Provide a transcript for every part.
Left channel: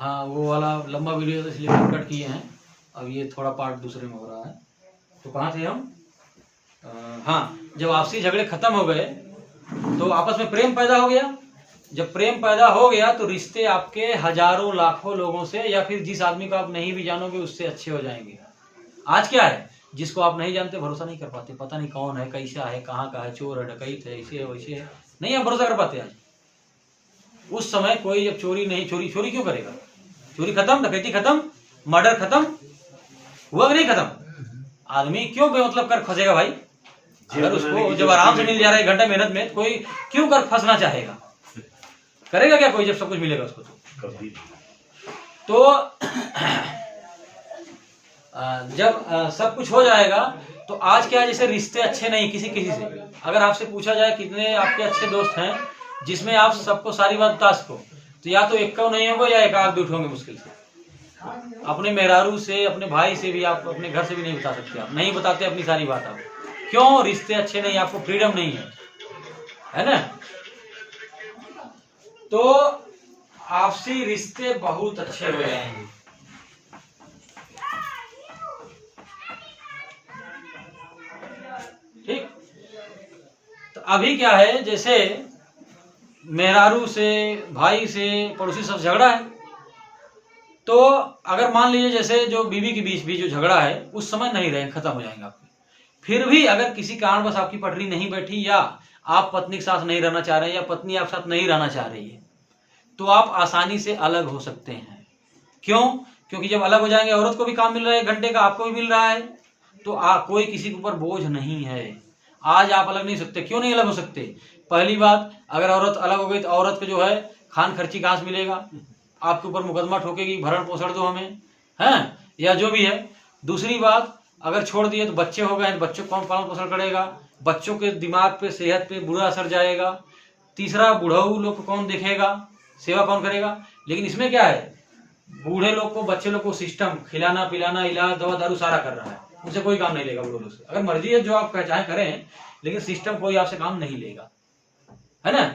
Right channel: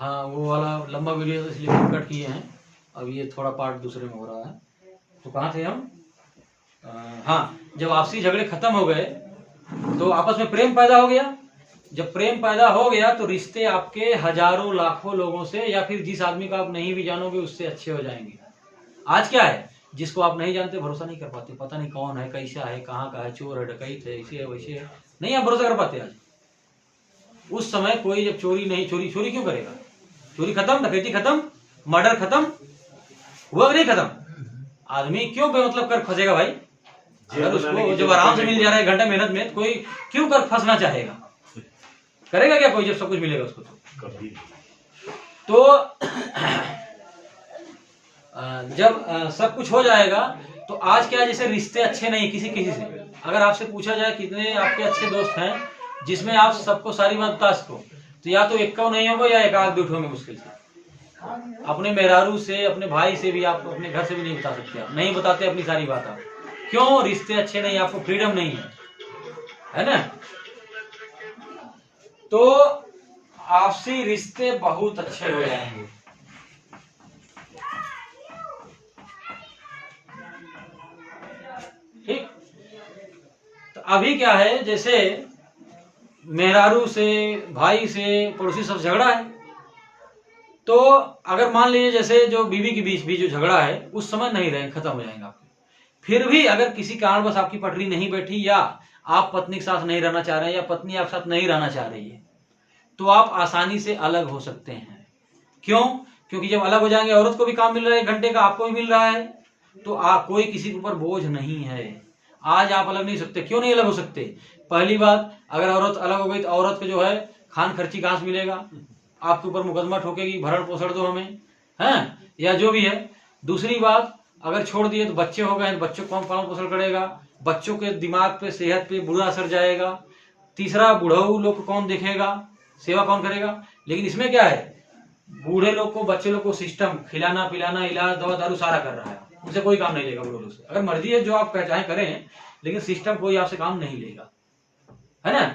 हाँ, वो वाला लंबा वीडियो तो इसलिए कट किए हैं। अब ये थोड़ा पार्ट दूसरे में हो रहा है। तो कहाँ थे हम? हाँ, जब आपसी झगड़े खत्म हो गए तो आपस में प्रेम पैदा हो गया। जब प्रेम पैदा हो गया तो रिश्ते आपके हजारों लाखों लोगों से, या फिर जिस आदमी को आप नहीं भी जानोगे उससे अच्छे हो जाएंगे। आज क्या है, जिसको आप नहीं जानते भरोसा नहीं कर पाते, पता नहीं कौन है, कैसा है, कहाँ का है, चोर है, डकैत है, ऐसे है, वैसे है, नहीं आप भरोसा कर पाते। आज उस समय कोई जब चोरी नहीं, चोरी क्यों करेगा? चोरी खत्म, डकैती खत्म, मर्डर खत्म हुआ कि नहीं खत्म? आदमी क्यों बेमतलब कर फंसेगा भाई? अगर उसको जब आराम से मिल जा रहा है, 1 घंटा मेहनत में, कोई क्यों कर फंसना चाहेगा? करेगा क्या कोई जब सब कुछ मिलेगा उसको? तो जब सब कुछ हो जाएगा तो आज क्या, जैसे रिश्ते अच्छे नहीं किसी से। अगर आपसे पूछा जाए कितने आपके अच्छे दोस्त हैं जिसमें आप सबको सारी बात बता सको, तो या तो एक का नहीं होगा या एक आध भी उठोगे मुश्किल से। अपने मेहरारू से, अपने भाई से भी, आप अपने घर से भी नहीं बता सकते। आप नहीं बताते अपनी सारी बात। आप क्यों? रिश्ते अच्छे नहीं, आपको फ्रीडम नहीं है ना? तो आपसी रिश्ते बहुत अच्छे हो जाएंगे। ठीक। तो अभी क्या है, जैसे मेहरारू से, भाई से, पड़ोसी सब झगड़ा है, तो अगर मान लीजिए जैसे जो बीवी के बीच भी जो झगड़ा है उस समय नहीं रहेंगे, खत्म हो जाएंगे आपके। फिर भी अगर किसी कारणवश आपकी पटरी नहीं बैठी, या आप पत्नी के साथ नहीं रहना चाह रहे हैं, या पत्नी आपके साथ नहीं रहना चाह रही है, तो आप आसानी से अलग हो सकते हैं। क्यों? क्योंकि जब अलग हो जाएंगे, औरत को भी काम मिल रहा है 1 घंटे का, आपको भी मिल रहा है, तो कोई किसी के ऊपर बोझ नहीं है। आज आप अलग नहीं सकते। क्यों नहीं अलग हो सकते? पहली बात, अगर औरत अलग हो गई तो औरत को जो है खान खर्ची कहां से मिलेगा? आपके ऊपर मुकदमा ठोकेगी, भरण पोषण दो हमें, है या जो भी है। दूसरी बात, अगर छोड़ दिए तो बच्चे हो गए, बच्चों को कौन पालन पोषण करेगा? बच्चों के दिमाग पे, सेहत पे बुरा असर जाएगा। तीसरा, बूढ़ऊ लोग को कौन देखेगा, सेवा कौन करेगा? लेकिन इसमें क्या है, बूढ़े लोग को, बच्चे लोग को सिस्टम खिलाना पिलाना, इलाज, दवा दारू सारा कर रहा है, उनसे कोई काम नहीं लेगा। बूढ़े लोग से अगर मर्जी है जो आप चाहे करें, लेकिन सिस्टम कोई आपसे काम नहीं लेगा, है ना?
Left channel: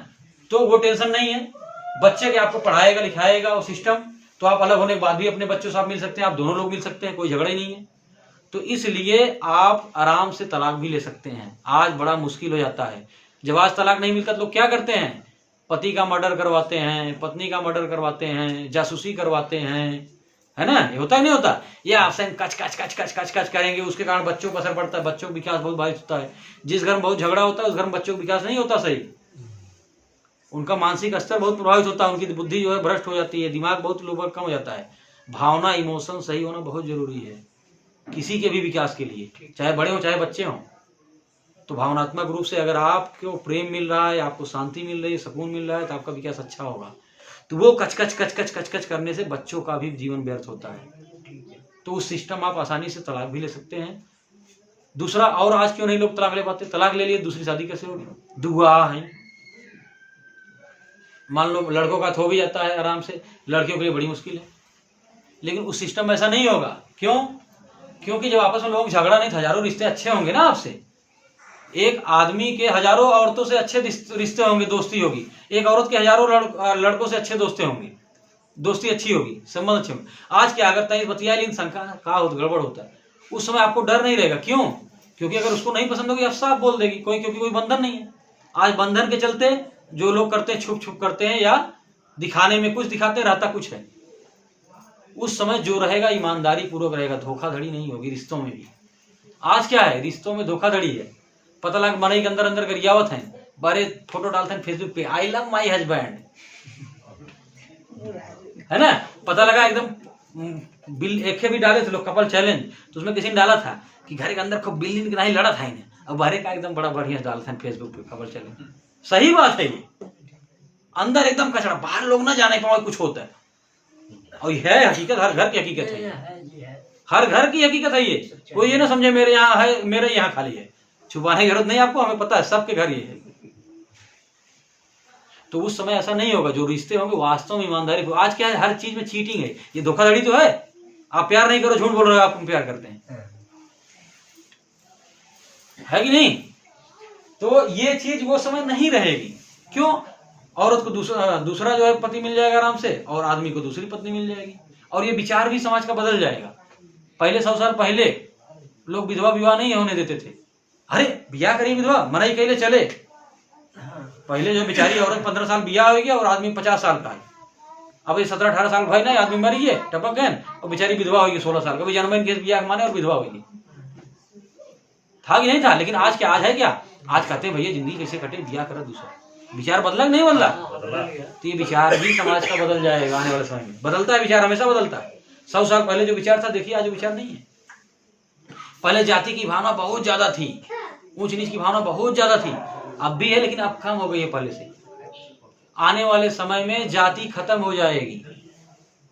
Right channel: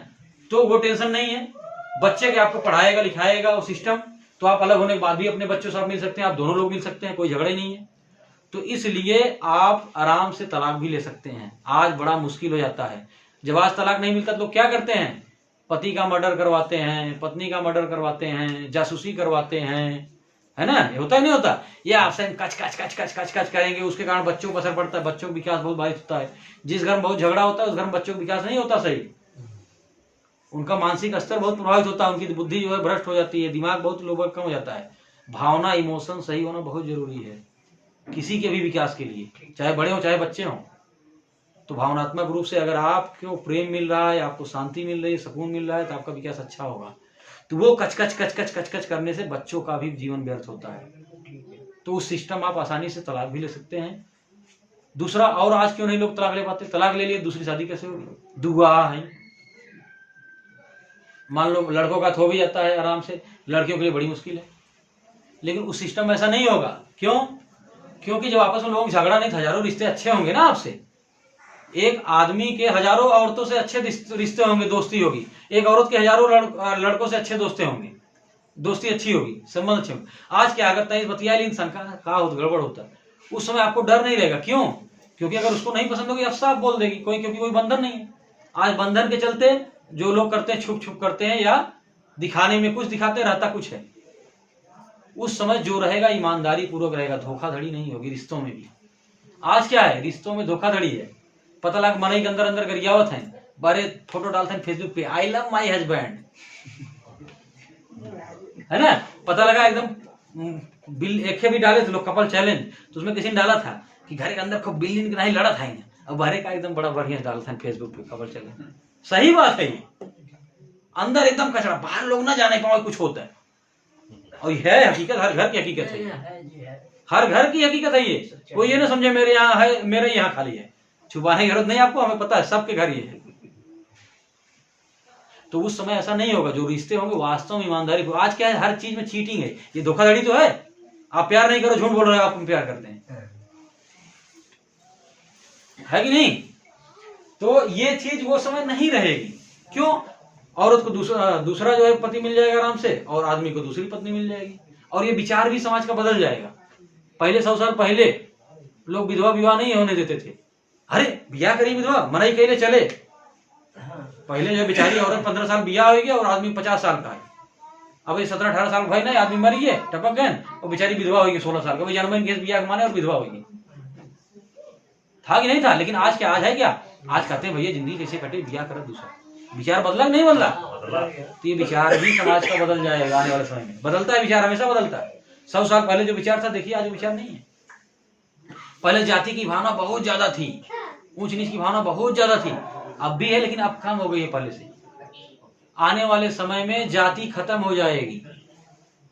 तो वो टेंशन नहीं है। बच्चे के आपको पढ़ाएगा लिखाएगा वो सिस्टम, तो आप अलग होने के बाद भी अपने बच्चों से आप मिल सकते हैं, आप दोनों लोग मिल सकते हैं, कोई झगड़ा ही नहीं है। तो इसलिए आप आराम से तलाक भी ले सकते हैं। आज बड़ा मुश्किल हो जाता है। जब आज तलाक नहीं मिलता तो लोग क्या करते हैं? पति का मर्डर करवाते हैं, पत्नी का मर्डर करवाते हैं, जासूसी करवाते हैं, है ना? ये होता है नहीं होता? ये आपसे कच कच कच कच कच कच करेंगे, उसके कारण बच्चों को असर पड़ता है, बच्चों का विकास बहुत बाधित होता है। जिस घर में बहुत झगड़ा होता है उस घर में बच्चों का विकास नहीं होता सही, उनका मानसिक स्तर बहुत प्रभावित होता है, उनकी बुद्धि जो है भ्रष्ट हो जाती है, दिमाग बहुत लोगों का कम हो जाता है। भावना, इमोशन सही होना बहुत जरूरी है किसी के भी विकास के लिए, चाहे बड़े हो चाहे बच्चे हों। तो भावनात्मक रूप से अगर आपको प्रेम मिल रहा है, आपको शांति मिल रही है, सुकून मिल रहा है, तो आपका विकास अच्छा होगा। तो वो कच कच कच कच कच कच करने से बच्चों का भी जीवन व्यर्थ होता है। तो उस सिस्टम आप आसानी से तलाक भी ले सकते हैं। दूसरा, और आज क्यों नहीं लोग तलाक ले पाते? तलाक ले लिए, दूसरी शादी कैसे होगी? दुआ है। मान लो लड़कों का हो भी जाता है आराम से, लड़कियों के लिए बड़ी मुश्किल है। लेकिन उस सिस्टम में ऐसा नहीं होगा। क्यों? क्योंकि जब आपस में लोग झगड़ा नहीं, हजारों रिश्ते अच्छे होंगे ना आपसे। एक आदमी के हजारों औरतों से अच्छे रिश्ते होंगे, दोस्ती होगी। एक औरत के हजारों लड़कों से अच्छे दोस्ती होंगे, दोस्ती अच्छी होगी, संबंध अच्छे होंगे। आज क्या, अगर तय बतिया लेकिन संख्या का गड़बड़ होता है, उस समय आपको डर नहीं रहेगा। क्यों? क्योंकि अगर उसको नहीं पसंद होगी आप साफ बोल देगी, क्योंकि कोई बंधन नहीं है। आज बंधन के चलते जो लोग करते हैं, छुप छुप करते हैं, या दिखाने में कुछ दिखाते हैं, रहता कुछ है। उस समय जो रहेगा ईमानदारी पूर्वक रहेगा, धोखाधड़ी नहीं होगी रिश्तों में भी। आज क्या है, रिश्तों में धोखाधड़ी है। पता लगा मनई के अंदर अंदर गरियावत है, बारे फोटो डालते हैं फेसबुक पे, आई लव माई हस्बैंड, है ना? पता लगा एकदम बिल एक भी डाले थे लोग, कपल चैलेंज, तो उसमें किसी ने डाला था कि घर के अंदर खूब बिल्ली नहीं लड़ा था इन्हें, अब बाहर का एकदम बड़ा बढ़िया डालता है फेसबुक पे कपल चैलेंज। सही बात है, ये अंदर एकदम कचरा, बाहर लोग ना जाने पाओ कुछ होता है। और है हकीकत, हर घर की हकीकत है, हर घर की हकीकत है ये। कोई ये ना समझे मेरे यहाँ है, मेरे यहाँ खाली है, छुपाने की जरूरत नहीं आपको, हमें पता है सबके घर ये है। तो उस समय ऐसा नहीं होगा, जो रिश्ते होंगे वास्तव में ईमानदारी। आज क्या है, हर चीज में चीटिंग है, ये धोखाधड़ी तो है। आप प्यार नहीं करो, झूठ बोल रहे हो, आप प्यार करते हैं, है कि नहीं? तो ये चीज वो समय नहीं रहेगी। क्यों? औरत को दूसरा जो है पति मिल जाएगा आराम से, और आदमी को दूसरी पत्नी मिल जाएगी। और ये विचार भी समाज का बदल जाएगा। पहले 100 साल पहले लोग विधवा विवाह नहीं होने देते थे। अरे ब्याह करी विधवा, मनाई कहले चले। पहले जो बेचारी औरत 15 साल ब्याह होगी और आदमी 50 साल का है। अब ये 17-18 साल भाई ना, आदमी मर गए टपक गए और बेचारी विधवा होगी 16 साल का, जन्मदिन के ब्याह माने और विधवा होगी। था कि नहीं था? लेकिन आज क्या, आज है क्या? आज कहते हैं भैया जिंदगी कैसे कटे, ब्याह करा दूसरा। विचार बदला कि नहीं बदला? तो ये विचार भी समाज का बदल जाएगा आने वाले समय में। बदलता है विचार, हमेशा बदलता है। 100 साल पहले जो विचार था, देखिए आज वो विचार नहीं है। पहले जाति की भावना बहुत ज्यादा थी, ऊंच नीच की भावना बहुत ज्यादा थी, अब भी है लेकिन अब कम हो गई है पहले से। आने वाले समय में जाति खत्म हो जाएगी।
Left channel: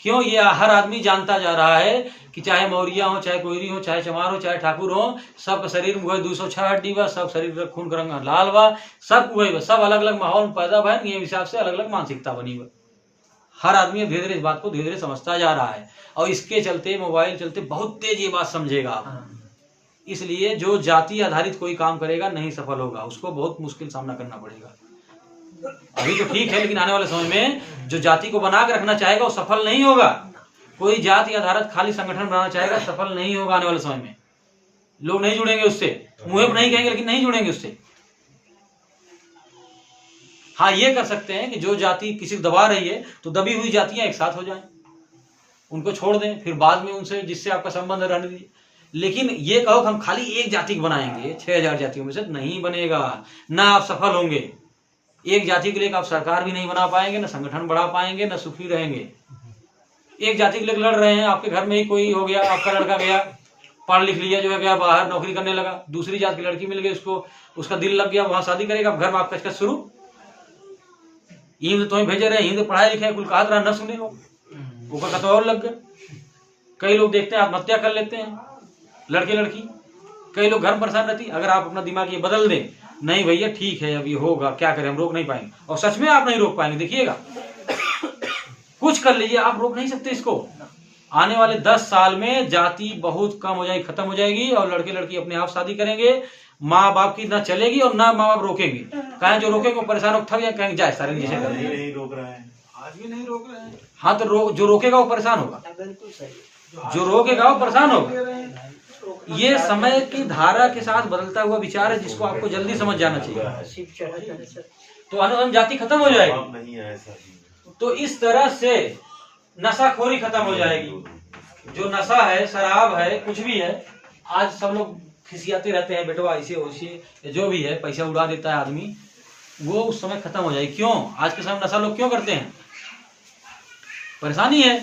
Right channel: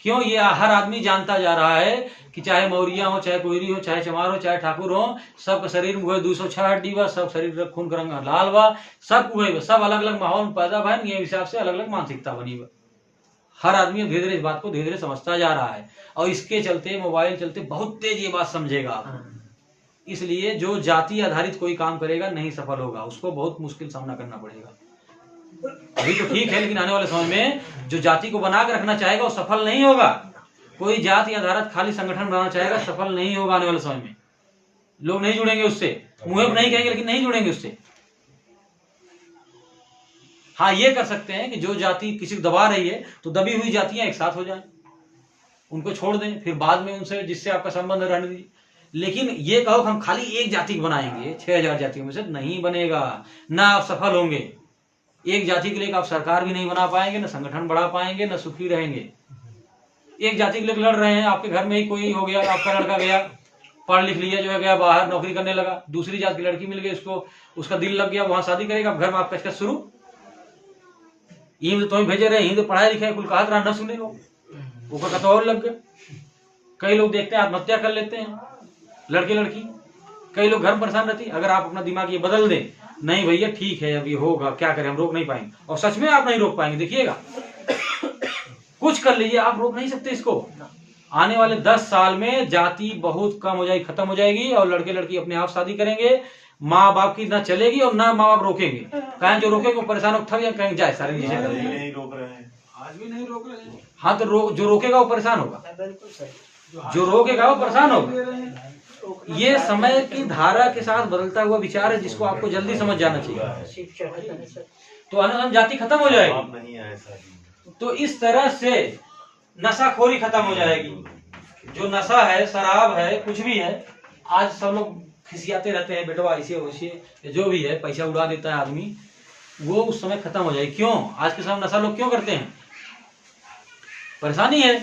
क्यों? ये हर आदमी जानता जा रहा है कि चाहे मौर्या हो, चाहे कोयरी हो, चाहे चमार हो, चाहे ठाकुर हो, सबका शरीर में 206 हड्डी बा, सब शरीर का खून का रंग लाल बा, सब उहे, सब अलग अलग माहौल में पैदा भा, ये हिसाब से अलग अलग मानसिकता बनी बा। हर आदमी धीरे धीरे इस बात को धीरे धीरे समझता जा रहा है, और इसके चलते मोबाइल चलते बहुत तेज ये बात समझेगा। इसलिए जो जाति आधारित कोई काम करेगा नहीं सफल होगा, उसको बहुत मुश्किल सामना करना पड़ेगा। अभी तो ठीक है, लेकिन आने वाले समय में जो जाति को बना के रखना चाहेगा वो सफल नहीं होगा। कोई जाति आधारित खाली संगठन बनाना चाहेगा, सफल नहीं होगा आने वाले समय में। लोग नहीं जुड़ेंगे उससे, मुंह पे नहीं कहेंगे लेकिन नहीं जुड़ेंगे उससे। हाँ, ये कर सकते हैं कि जो जाति किसी को दबा रही है तो दबी हुई जातियां एक साथ हो जाएं, उनको छोड़ दें, फिर बाद में उनसे जिससे आपका संबंध रहने दीजिए। लेकिन ये कहो कि हम खाली एक जाति को बनाएंगे 6000 जातियों में से, नहीं बनेगा। ना आप सफल होंगे। एक जाति के लिए आप सरकार भी नहीं बना पाएंगे, ना संगठन बढ़ा पाएंगे, ना सुखी रहेंगे। एक जाति के लिए लड़ रहे हैं, आपके घर में ही कोई हो गया, आपका लड़का गया पढ़ लिख लिया, जो है गया बाहर नौकरी करने लगा, दूसरी जाति की लड़की मिल गई, उसको उसका दिल लग गया, वहां शादी करेगा, घर में आप कचकच शुरू। ईद तो भेजे रहे, ईद पढ़ाई लिखाई कुल कहा न सुने लोग, वो कत और लग गए। कई लोग देखते हैं आत्महत्या कर लेते हैं, लड़के लड़की। कई लोग घर में परेशान रहती। अगर आप अपना दिमाग ये बदल दें, नहीं भैया ठीक है अब ये होगा, क्या करें, हम रोक नहीं पाएंगे, और सच में आप नहीं रोक पाएंगे, देखिएगा। कुछ कर लीजिए, आप रोक नहीं सकते इसको। आने वाले 10 साल में जाति बहुत कम हो जाएगी, खत्म हो जाएगी, और लड़के लड़की अपने आप शादी करेंगे। माँ बाप की ना चलेगी और ना माँ बाप रोकेंगे। कहें जो रोकेंगे वो परेशान हो, थक जाए, कहेंगे जाए सारे नीचे कर दिए। नहीं रोक रहे हैं, आज भी नहीं रोक रहे हैं। हाँ, तो जो रोकेगा वो परेशान होगा, जो रोकेगा वो परेशान होगा। ये समय की धारा के साथ बदलता हुआ विचार है, जिसको आपको जल्दी समझ जाना चाहिए। तो अनुसूचित जाति खत्म हो जाएगी। तो इस तरह से नशाखोरी खत्म हो जाएगी। जो नशा है, शराब है, कुछ भी है, आज सब लोग खिसियाते रहते हैं, बेटवा ऐसे वैसे, जो भी है पैसा उड़ा देता है आदमी, वो उस समय खत्म हो जाएगी। क्यों? आज के समय नशा लोग क्यों करते हैं? परेशानी है,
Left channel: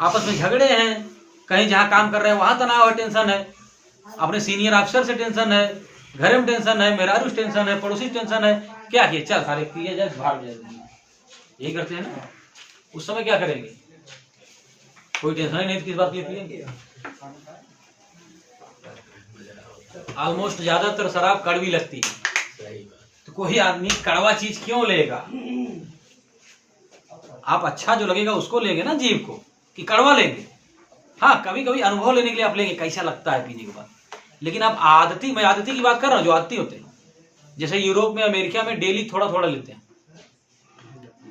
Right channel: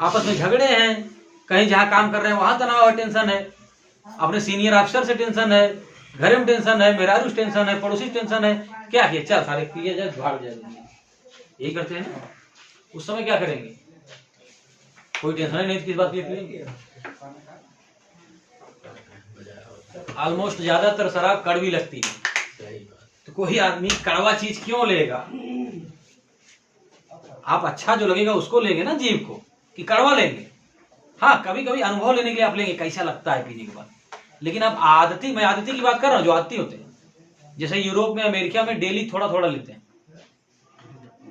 आपस में झगड़े हैं, कहीं जहां काम कर रहे हैं वहां तनाव है, टेंशन है, अपने सीनियर अफसर से टेंशन है, घर में टेंशन है, मेहरारू टेंशन है, पड़ोसी टेंशन है। क्या किया, चल सारे किए जाए, भाग जाए, यही करते हैं ना। उस समय क्या करेंगे? कोई टेंशन ही नहीं, किस बात की पिएंगे। ऑलमोस्ट ज्यादातर शराब कड़वी लगती है, तो कोई आदमी कड़वा चीज क्यों लेगा? आप अच्छा जो लगेगा उसको लेंगे ना, जीव को, कि कड़वा लेंगे। हाँ, कभी कभी अनुभव लेने के लिए आप लेंगे कैसा लगता है पीने के बाद, लेकिन आप आदती, मैं आदती की बात कर रहा हूँ, जो आदती होते हैं, जैसे यूरोप में, अमेरिका में डेली थोड़ा थोड़ा लेते हैं,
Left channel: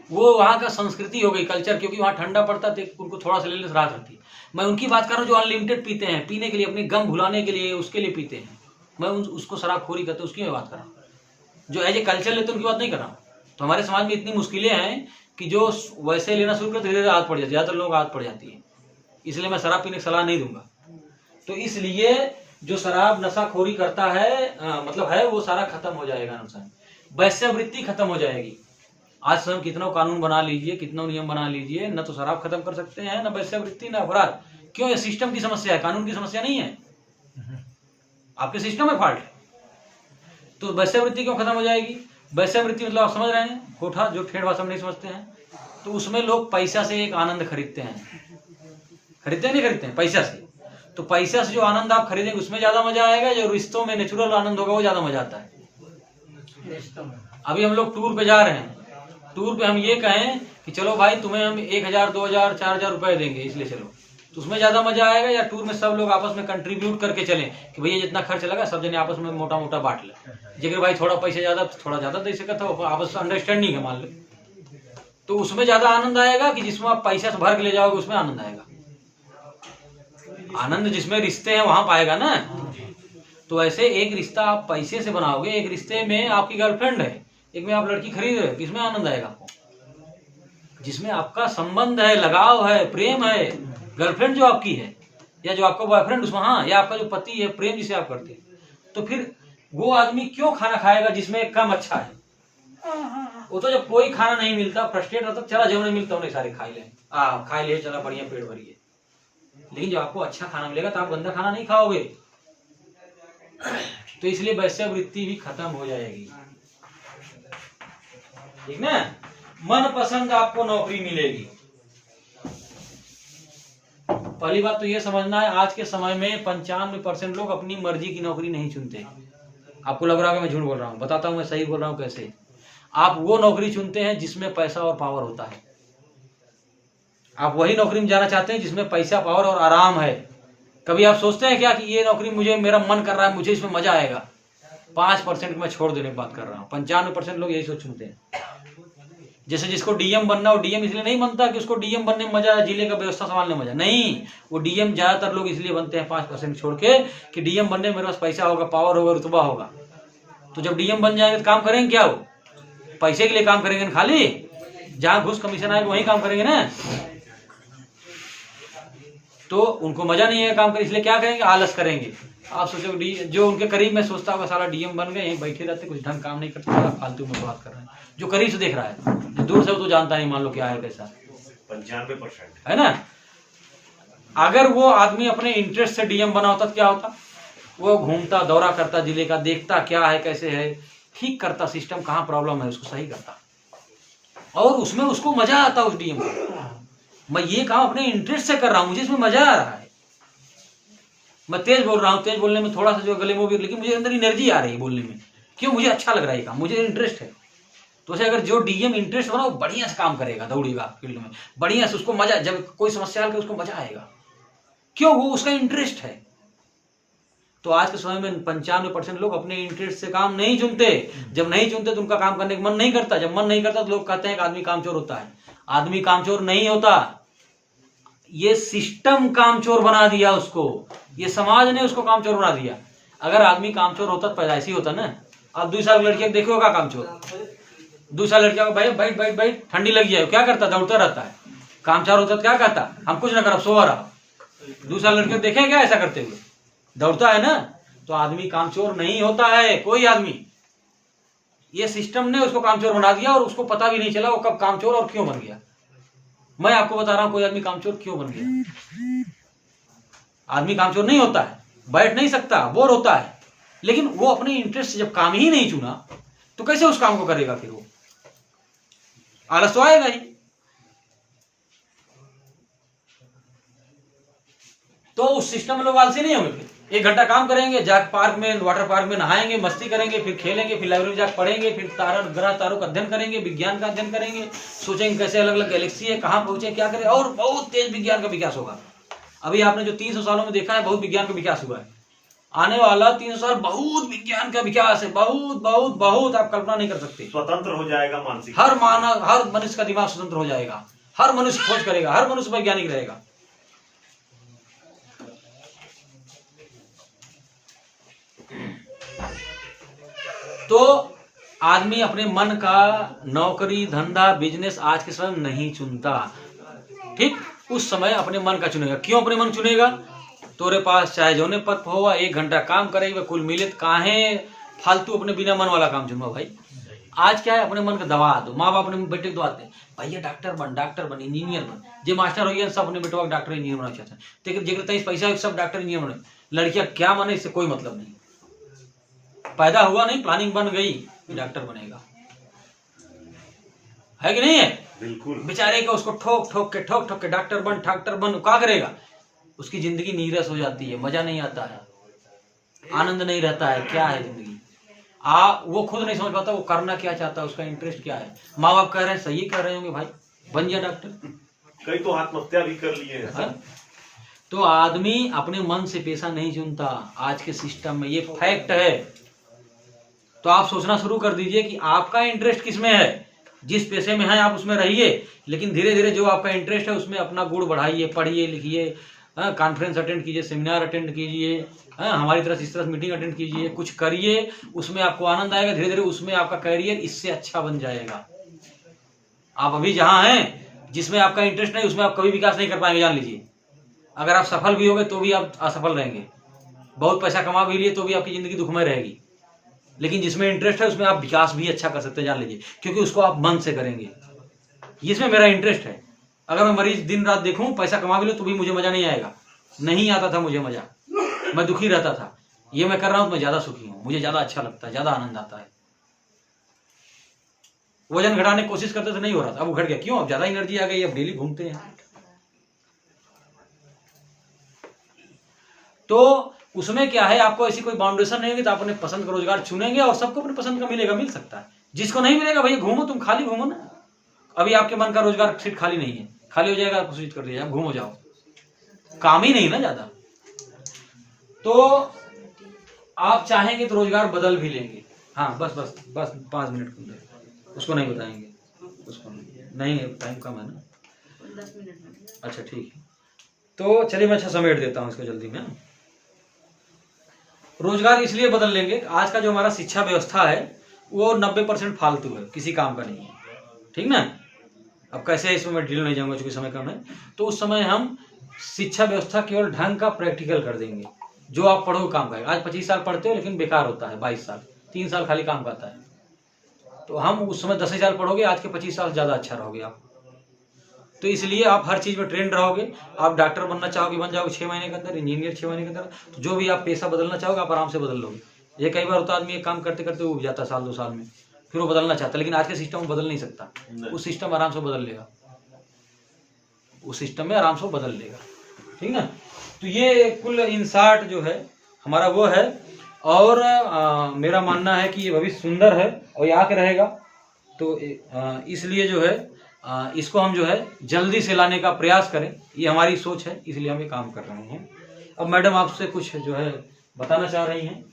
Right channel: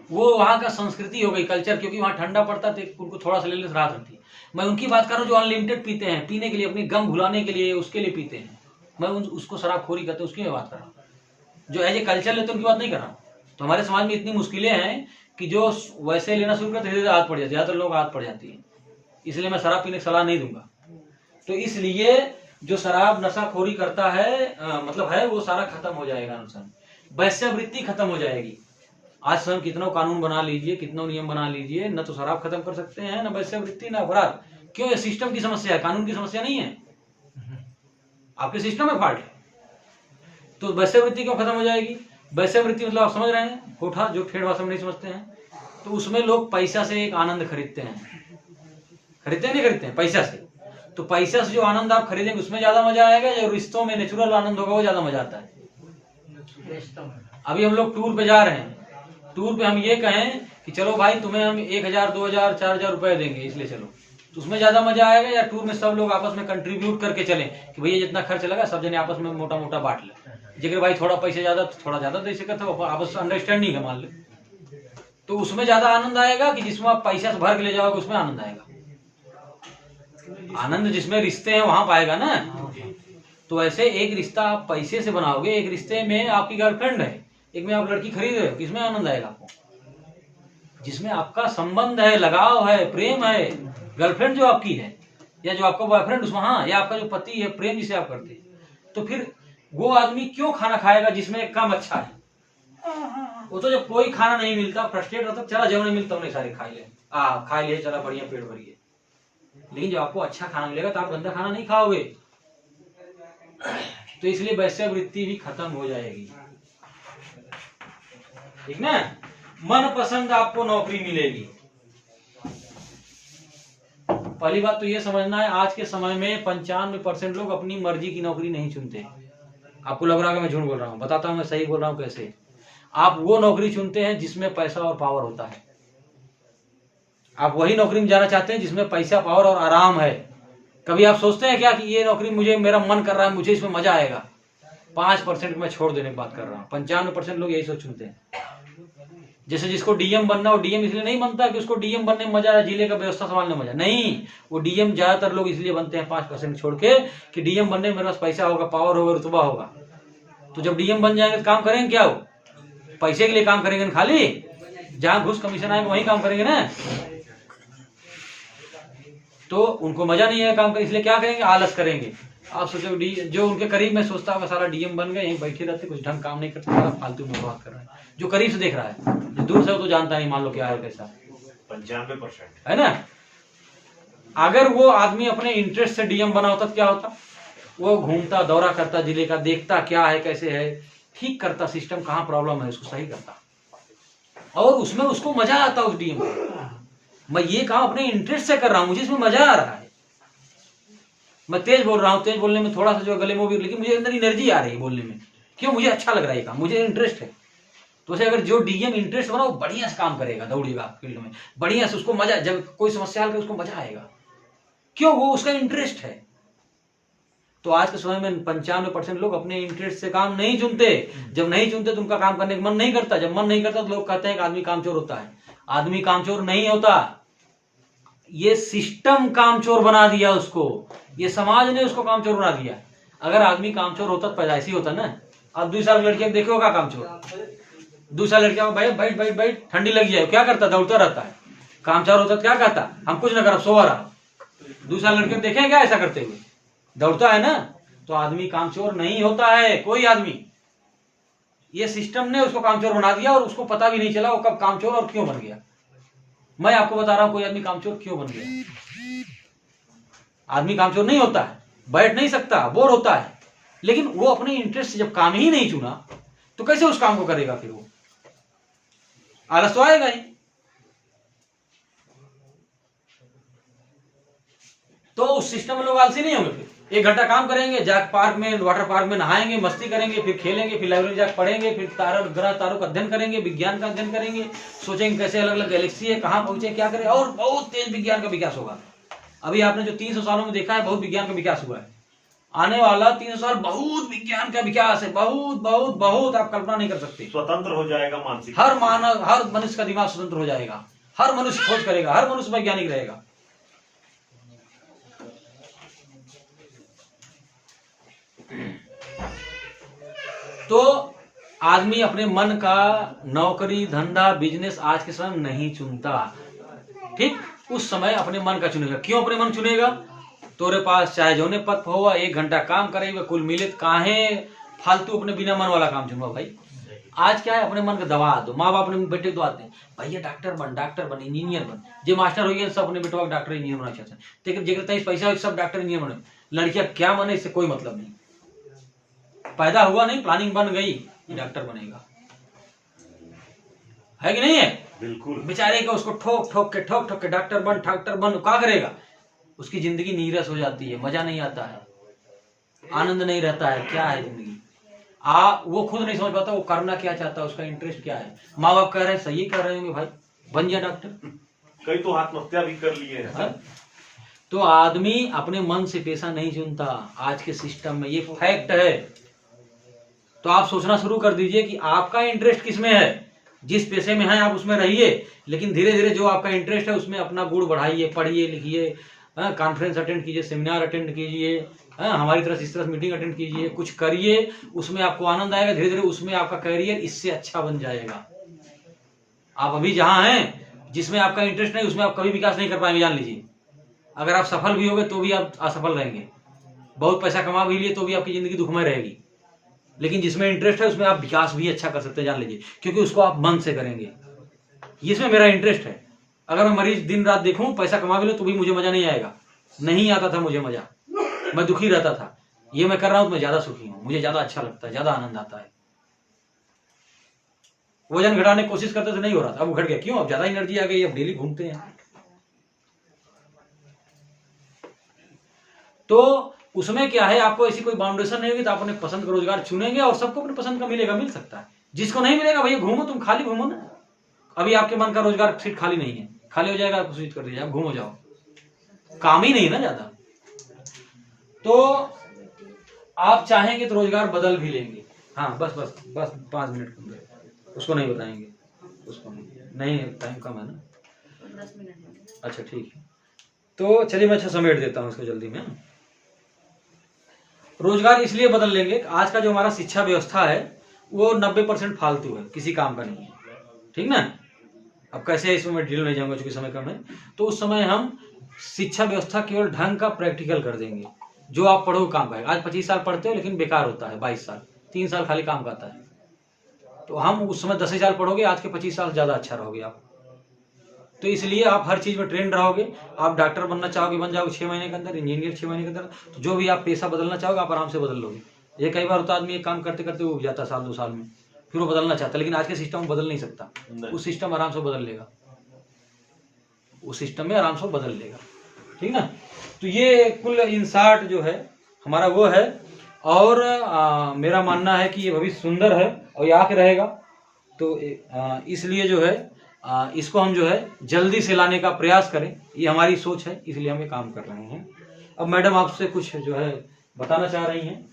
वो वहाँ का संस्कृति हो गई, कल्चर, क्योंकि वहाँ ठंडा पड़ता है तो उनको थोड़ा सा लेने से राहत होती है। मैं उनकी बात कर रहा हूँ जो अनलिमिटेड पीते हैं, पीने के लिए, अपनी गम भुलाने के लिए, उसके लिए पीते हैं। मैं उसको शराबखोरी करते हैं, उसकी मैं बात कर रहा हूँ। जो एज ए कल्चर लेते हैं उनकी बात नहीं कर रहा हूँ। तो हमारे समाज में इतनी मुश्किलें हैं कि जो वैसे लेना शुरू करते धीरे धीरे आदत पड़ जाती है, ज्यादातर लोग आदत पड़ जाती है। इसलिए मैं शराब पीने की सलाह नहीं दूंगा। तो इसलिए जो शराब नशाखोरी करता है, मतलब है, वो सारा खत्म हो जाएगा। नुकसान, वैश्यावृत्ति खत्म हो जाएगी। आज स्वयं कितना कानून बना लीजिए, कितना नियम बना लीजिए, न तो शराब खत्म कर सकते हैं, न वैश्यावृत्ति, न अपराध। क्यों? ये सिस्टम की समस्या है, कानून की समस्या नहीं है, आपके सिस्टम में फॉल्ट है। तो वैश्यावृत्ति क्यों खत्म हो जाएगी? वैश्यावृत्ति मतलब आप समझ रहे हैं, कोठा, जो ठेठ भाषा में नहीं समझते हैं, तो उसमें लोग पैसा से एक आनंद खरीदते हैं, खरीदते नहीं खरीदते हैं, पैसा से। तो पैसा से जो आनंद आप खरीदेंगे उसमें ज्यादा मजा आएगा, जो रिश्तों में नेचुरल आनंद होगा वो ज्यादा मजा आता है। अभी हम लोग टूर पे जा रहे हैं, टूर पे हम ये कहें कि चलो भाई तुम्हें हम 1000, 2000, 4000 रुपए देंगे, इसलिए चलो, तो उसमें ज्यादा मजा आएगा, या टूर में सब लोग आपस में कंट्रीब्यूट करके चलें कि भैया जितना खर्च लगा सब जने आपस में मोटा मोटा बांट ले। जेकर भाई थोड़ा पैसे ज्यादा थोड़ा ज्यादा दे सकता हो, आपस अंडरस्टैंडिंग है मान लो, तो उसमें ज्यादा आनंद आएगा कि जिसमें आप पैसा से भर के ले जाओगे उसमें आनंद आएगा। आनंद जिसमें रिश्ते हैं वहां पाएगा ना। तो ऐसे एक रिश्ता आप पैसे से बनाओगे, एक रिश्ते में आपकी गर्लफ्रेंड है, एक में आप लड़की खरीद रहे हो, किसमें आनंद आएगा आपको? जिसमें आपका संबंध है, लगाव है, प्रेम है। गर्लफ्रेंड जो आपकी है या जो आपका बॉयफ्रेंड उसमें, हाँ, या आपका जो पति है, प्रेम जिसे आप करते हैं, तो फिर वो आदमी क्यों खाना खाएगा जिसमें कम अच्छा है? वो तो जब कोई खाना नहीं मिलता फ्रस्ट्रेट रहता, चला जो नहीं मिलता उन्हें सारे खा ले चला बढ़िया पेट भरिए। लेकिन जब आपको अच्छा खाना मिलेगा तो आप गंदा खाना नहीं खाओगे। तो इसलिए वैश्यवृत्ति भी खत्म हो जाएगी, ठीक ना। मन पसंद आपको नौकरी मिलेगी। पहली बात तो ये समझना है, आज के समय में 95% लोग अपनी मर्जी की नौकरी नहीं चुनते। आपको लग रहा है कि मैं झूठ बोल रहा हूँ, बताता हूँ मैं सही बोल रहा हूँ कैसे। आप वो नौकरी चुनते हैं जिसमें पैसा और पावर होता है। आप वही नौकरी में जाना चाहते हैं जिसमें पैसा, पावर और आराम है। कभी आप सोचते हैं क्या कि ये नौकरी मुझे, मेरा मन कर रहा है, मुझे इसमें मजा आएगा? 5% मैं छोड़ देने की बात कर रहा हूँ। 95% लोग यही सोच चुनते हैं। जैसे जिसको डीएम बनना, वो डीएम इसलिए नहीं बनता कि उसको डीएम बनने में मजा है, जिले का व्यवस्था संभालने में मजा नहीं। वो डीएम ज्यादातर लोग इसलिए बनते हैं 5% छोड़ के कि डीएम बनने में मेरे पास पैसा होगा, पावर होगा, रुतबा होगा। तो जब डीएम बन जाएंगे तो काम करेंगे क्या? वो पैसे के लिए काम करेंगे ना, खाली जहां घुस कमीशन आएगा वहीं काम करेंगे ना। तो उनको मजा नहीं है काम करने, इसलिए क्या करेंगे? आलस करेंगे। आप सोचो जो उनके करीब में सोचता होगा सारा डीएम बन गए, यहीं बैठे रहते, कुछ ढंग काम नहीं करते, सारा फालतू में बात कर रहे हैं। जो करीब से देख रहा है, दूर से तो जानता नहीं, मान लो क्या है कैसा, 95% है ना। अगर वो आदमी अपने इंटरेस्ट से डीएम बना होता तो क्या होता? वो घूमता, दौरा करता जिले का, देखता क्या है कैसे है, ठीक करता सिस्टम, कहाँ प्रॉब्लम है उसको सही करता, और उसमें उसको मजा आता उस डीएम को। मैं ये काम अपने इंटरेस्ट से कर रहा हूं, मुझे इसमें मजा आ रहा है। मैं तेज बोल रहा हूँ, तेज बोलने में थोड़ा सा जो गले में भी, लेकिन मुझे अंदर एनर्जी आ रही है बोलने में। क्यों? मुझे अच्छा लग रहा है ये काम, मुझे इंटरेस्ट है। तो उसे अगर जो डीएम इंटरेस्ट बना, वो बढ़िया से काम करेगा, दौड़ेगा फील्ड में बढ़िया से, उसको मजा, जब कोई समस्या हल करे उसको मजा आएगा। क्यों? वो उसका इंटरेस्ट है। तो आज के समय में 95% लोग अपने इंटरेस्ट से काम नहीं चुनते। जब नहीं चुनते तो उनका काम करने का मन नहीं करता। जब मन नहीं करता तो लोग कहते हैं कि आदमी कामचोर होता है। आदमी कामचोर नहीं होता, ये सिस्टम कामचोर बना दिया उसको, ये समाज ने उसको कामचोर बना दिया। अगर आदमी कामचोर होता तो पैदाइशी होता ना। अब 2 साल की लड़कियां देखो का कामचोर, 2 साल लड़कियां को भाई बैठ बैठ बैठ ठंडी लगी है, क्या करता? दौड़ता रहता है। कामचोर होता तो क्या कहता? हम कुछ ना कर, सो रहा। 2 साल लड़कियां देखें क्या ऐसा करते हुए? दौड़ता है ना। तो आदमी कामचोर नहीं होता है कोई आदमी, ये सिस्टम ने उसको कामचोर बना दिया और उसको पता भी नहीं चला वो कब कामचोर और क्यों बन गया। मैं आपको बता रहा हूं कोई आदमी कामचोर क्यों बन गया। आदमी कामचोर नहीं होता है, बैठ नहीं सकता, बोर होता है, लेकिन वो अपने इंटरेस्ट से जब काम ही नहीं चुना तो कैसे उस काम को करेगा? फिर वो आलस तो आएगा ही। तो उस सिस्टम में लोग आलसी नहीं होंगे। फिर 1 घंटा काम करेंगे, जाकर पार्क में, वाटर पार्क में नहाएंगे, मस्ती करेंगे, फिर खेलेंगे, फिर लाइब्रेरी में जाकर पढ़ेंगे, फिर ग्रह तारों का अध्ययन करेंगे, विज्ञान का अध्ययन करेंगे, सोचेंगे कैसे अलग अलग गैलेक्सी है, कहां पहुंचे, क्या करें, और बहुत तेज विज्ञान का विकास होगा। अभी आपने जो 300 सालों में देखा है, बहुत विज्ञान का विकास हुआ है। आने वाला 300 साल बहुत विज्ञान का विकास है, बहुत बहुत बहुत, आप कल्पना नहीं कर सकते। स्वतंत्र हो जाएगा मानसिक, हर मानव, हर मनुष्य का दिमाग स्वतंत्र हो जाएगा, हर मनुष्य खोज करेगा, हर मनुष्य वैज्ञानिक रहेगा। तो आदमी अपने मन का नौकरी, धंधा, बिजनेस आज के समय नहीं चुनता। ठीक, उस समय अपने मन का चुनेगा। क्यों अपने मन चुनेगा? तोरे पास चाहे जोने पद होगा, 1 घंटा काम करेगा, कुल मिले काहे फालतू अपने बिना मन वाला काम चुनवा। भाई आज क्या है, अपने मन का दबा दो। माँ बाप अपने बेटे को दबाते हैं, भैया डॉक्टर बन, इंजीनियर बन। जो मास्टर हो गया सब अपने बेटवा डॉक्टर इंजीनियर बना चाहते हैं, लेकिन जेकर तेज पैसा सब डॉक्टर इंजीनियर बने। लड़कियां क्या बने इससे कोई मतलब नहीं। पैदा हुआ नहीं, प्लानिंग बन गई, डॉक्टर बनेगा, है कि नहीं है? बिल्कुल। बेचारे का उसको ठोक ठोक के डॉक्टर बन क्या करेगा? उसकी जिंदगी नीरस हो जाती है, मजा नहीं आता है, आनंद नहीं रहता है। क्या है जिंदगी? वो खुद नहीं समझ पाता वो करना क्या चाहता है, उसका इंटरेस्ट क्या है। माँ बाप कह रहे हैं, सही कर रहे होंगे, भाई बन जा डॉक्टर। कई तो आत्महत्या भी कर लिए हैं। तो आदमी अपने मन से पेशा नहीं चुनता आज के सिस्टम में, ये फैक्ट है। तो आप सोचना शुरू कर दीजिए कि आपका इंटरेस्ट किस में है। जिस पेशे में है आप उसमें रहिए, लेकिन धीरे धीरे जो आपका इंटरेस्ट है उसमें अपना गुण बढ़ाइए, पढ़िए लिखिए, कॉन्फ्रेंस अटेंड कीजिए, सेमिनार अटेंड कीजिए, हमारी तरफ इस तरफ मीटिंग अटेंड कीजिए, कुछ करिए, उसमें आपको आनंद आएगा। धीरे धीरे उसमें आपका करियर इससे अच्छा बन जाएगा। आप अभी जहां हैं जिसमें आपका इंटरेस्ट नहीं उसमें आप कभी विकास नहीं कर पाएंगे, जान लीजिए। अगर आप सफल भी होगे तो भी आप असफल रहेंगे, बहुत पैसा कमा भी लिए तो भी आपकी जिंदगी दुखमय रहेगी। लेकिन जिसमें इंटरेस्ट है उसमें आप विकास भी अच्छा कर सकते हैं, जान लीजिए, क्योंकि उसको आप मन से करेंगे। इसमें मेरा इंटरेस्ट है। अगर मैं मरीज दिन रात देखूं, पैसा कमा भी लूं तो भी मुझे मजा नहीं आएगा, नहीं आता था मुझे मजा, मैं दुखी रहता था। ये मैं कर रहा हूं तो मैं ज्यादा सुखी हूं, मुझे ज्यादा अच्छा लगता है, ज्यादा आनंद आता है। वजन घटाने की कोशिश करते थे, नहीं हो रहा था, अब घट गया। क्यों? अब ज्यादा एनर्जी आ गई, अब डेली घूमते हैं। तो उसमें क्या है, आपको ऐसी कोई बाउंडेशन नहीं होगी तो आप अपने पसंद का रोजगार चुनेंगे और सबको अपने पसंद का मिलेगा, मिल सकता है। जिसको नहीं मिलेगा भैया घूमो, तुम खाली घूमो ना। अभी आपके मन का रोजगार सीट खाली नहीं है, खाली हो जाएगा, आपको स्विच कर दिया, आप घूमो जाओ, काम ही नहीं ना ज्यादा। तो आप चाहेंगे तो रोजगार बदल भी लेंगे। हाँ बस बस बस 5 मिनट के अंदर, उसको नहीं बताएंगे, उसको नहीं, टाइम कम है ना, 10 मिनट। अच्छा ठीक है। तो चलिए मैं अच्छा समेट देता हूँ इसको जल्दी में। रोजगार इसलिए बदल लेंगे, आज का जो हमारा शिक्षा व्यवस्था है वो 90% फालतू है, किसी काम का नहीं है, ठीक ना। अब कैसे इसमें मैं डिटेल नहीं जाऊंगा क्योंकि समय कम है। तो उस समय हम शिक्षा व्यवस्था केवल ढंग का प्रैक्टिकल कर देंगे, जो आप पढ़ो काम का है। आज 25 साल पढ़ते हो लेकिन बेकार होता है, 22 साल, 3 साल खाली काम का आता है। तो हम उस समय 10 साल पढ़ोगे, आज के 25 साल ज्यादा अच्छा रहोगे आप। तो इसलिए आप हर चीज में ट्रेंड रहोगे। आप डॉक्टर बनना चाहोगे बन जाओगे 6 महीने के अंदर, इंजीनियर 6 महीने के अंदर। तो जो भी आप पेशा बदलना चाहोगे आप आराम से बदल लोगे। ये कई बार होता है, आदमी एक काम करते करते उब जाता है, साल 2 साल में, फिर वो बदलना चाहता है, लेकिन आज के सिस्टम में बदल नहीं सकता। उस सिस्टम आराम से बदल लेगा, उस सिस्टम में आराम से बदल लेगा, ठीक ना। तो ये कुल इन शॉर्ट जो है हमारा वो है। और मेरा मानना है कि ये भविष्य सुंदर है और ये आके रहेगा। तो इसलिए जो है इसको हम जो है जल्दी से लाने का प्रयास करें, ये हमारी सोच है, इसलिए हम ये काम कर रहे हैं। अब मैडम आपसे कुछ जो है बताना चाह रही हैं।